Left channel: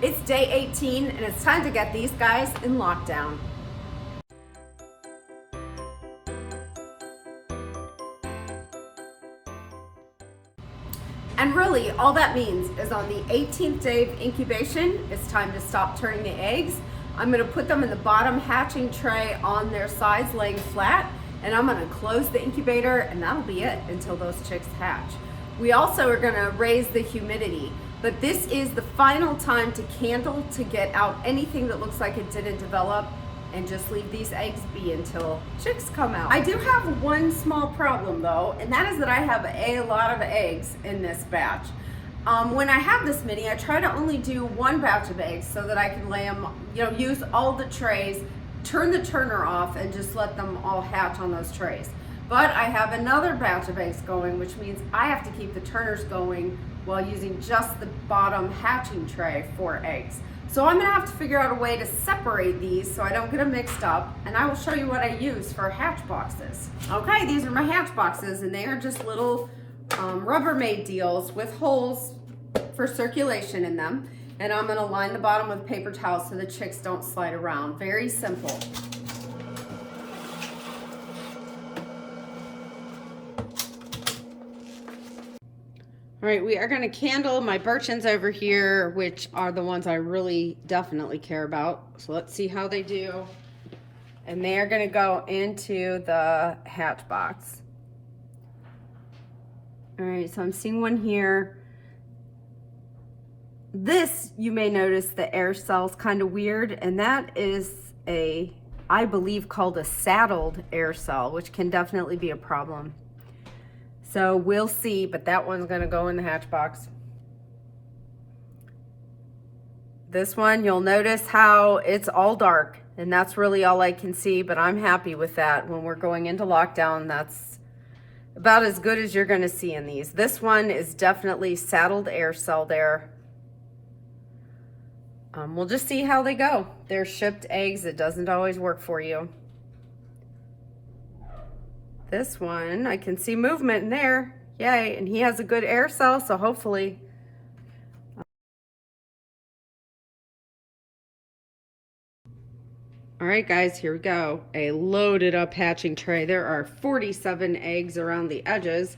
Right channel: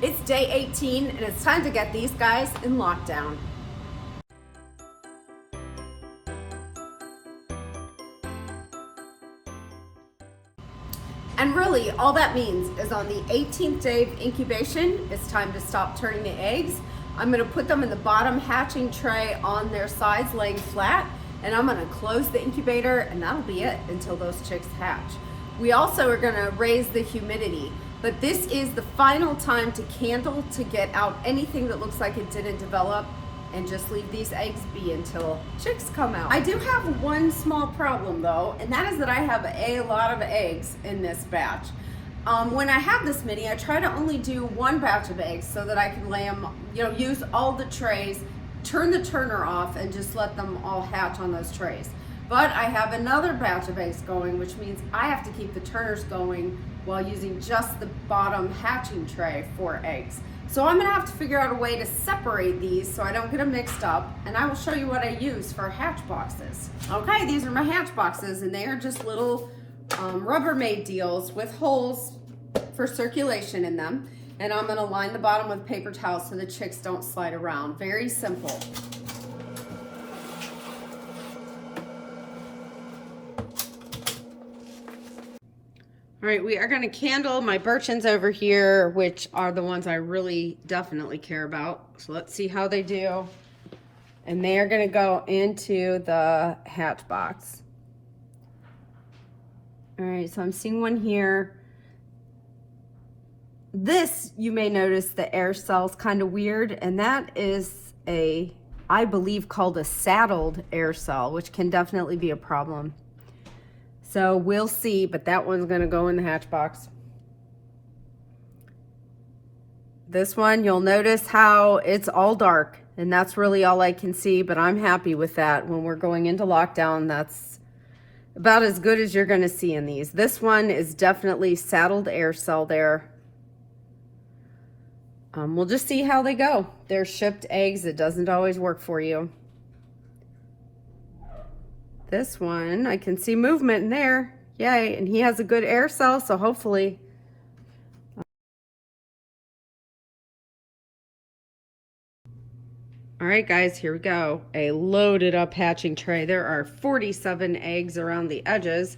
It's day 18 and it's time to get these guys in lockdown. And really, all that means is on the 18th day of incubation, it's time to stop turning the eggs. I'm gonna put them in the bottom hatching tray on their sides, laying flat, and I'm gonna close the incubator, and that'll be it until those chicks hatch. We also are gonna raise the humidity, but this is the final time to candle to get out anything that looks like it didn't develop, and just leave these eggs be until chicks come out. I do have one small problem though, and that is that I have a lot of eggs in this batch. When I have this many, I try to only do one batch of eggs so that I can lay them, use all the trays, turn the turner off, and just let them all hatch on those trays. But I have another batch of eggs going, which means I have to keep the turners going while using just the bottom hatching tray for eggs. So I'm gonna have to figure out a way to separate these so I don't get them mixed up, and I will show you what I use for hatch boxes. Okay, these are my hatch boxes, and they are just little Rubbermaid deals with holes for circulation in them. And I'm gonna line the bottom with paper towels so the chicks don't slide around. Very simple. All right, we are going to candle my birchins over here, which are the ones I really definitely care about. So let's see how they do. And they are going to go into the hatch box. All right, so I'm seeing one here. This, you may notice the air cell's kind of weird, and that is I believe called a saddled air cell, which can definitely be a problem. So we'll see, but that one's gonna go in the hatch box. This one, you'll notice how it's all dark, and that's really all I can see, but I'm happy with that. When we're going into lockdown, that's about as good as you're gonna see in these. This one is definitely saddled air cell there. We'll just see how they go. They're shipped eggs. It doesn't always work for you. This one, I can see movement in there. Yay, and he has a good air cell, so hopefully. All right, guys, here we go. A loaded up hatching tray. There are 47 eggs around the edges.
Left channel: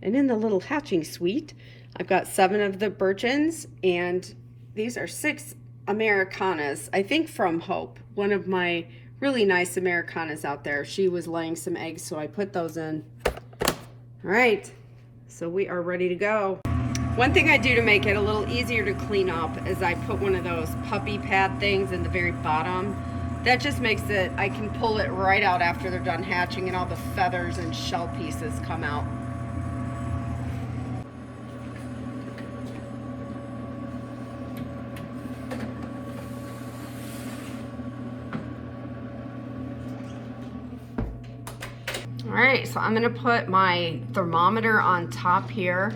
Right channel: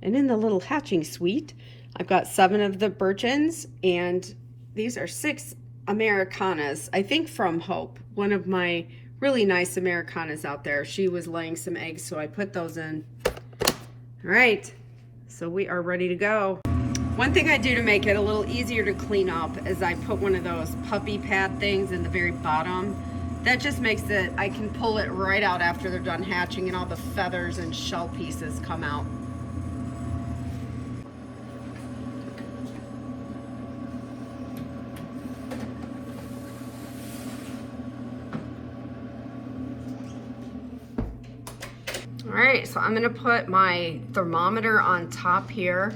And in the little hatching suite, I've got 7 of the birchins, and these are 6 Americanas, I think from Hope, one of my really nice Americanas out there. She was laying some eggs, so I put those in. All right, so we are ready to go. One thing I do to make it a little easier to clean up is I put one of those puppy pad things in the very bottom. That just makes it, I can pull it right out after they're done hatching and all the feathers and shell pieces come out. All right, so I'm gonna put my thermometer on top here,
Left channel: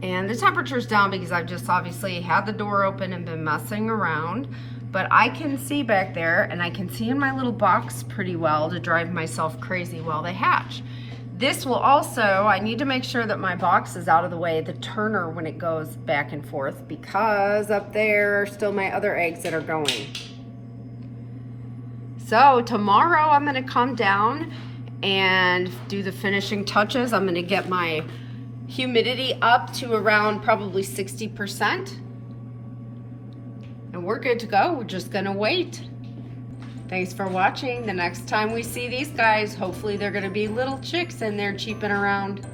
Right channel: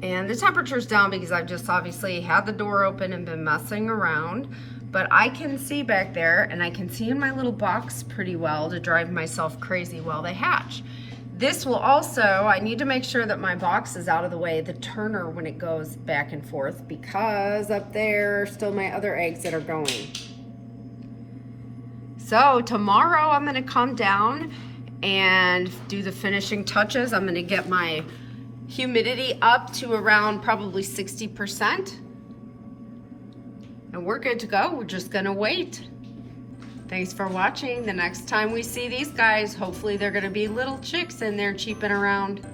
and the temperature's down because I've just obviously had the door open and been messing around, but I can see back there, and I can see in my little box pretty well to drive myself crazy while they hatch. This will also, I need to make sure that my box is out of the way, the turner, when it goes back and forth, because up there are still my other eggs that are going. So tomorrow I'm gonna come down and do the finishing touches. I'm gonna get my humidity up to around probably 60%. And we're good to go. We're just gonna wait. Thanks for watching. The next time we see these guys, hopefully they're gonna be little chicks and they're cheeping around.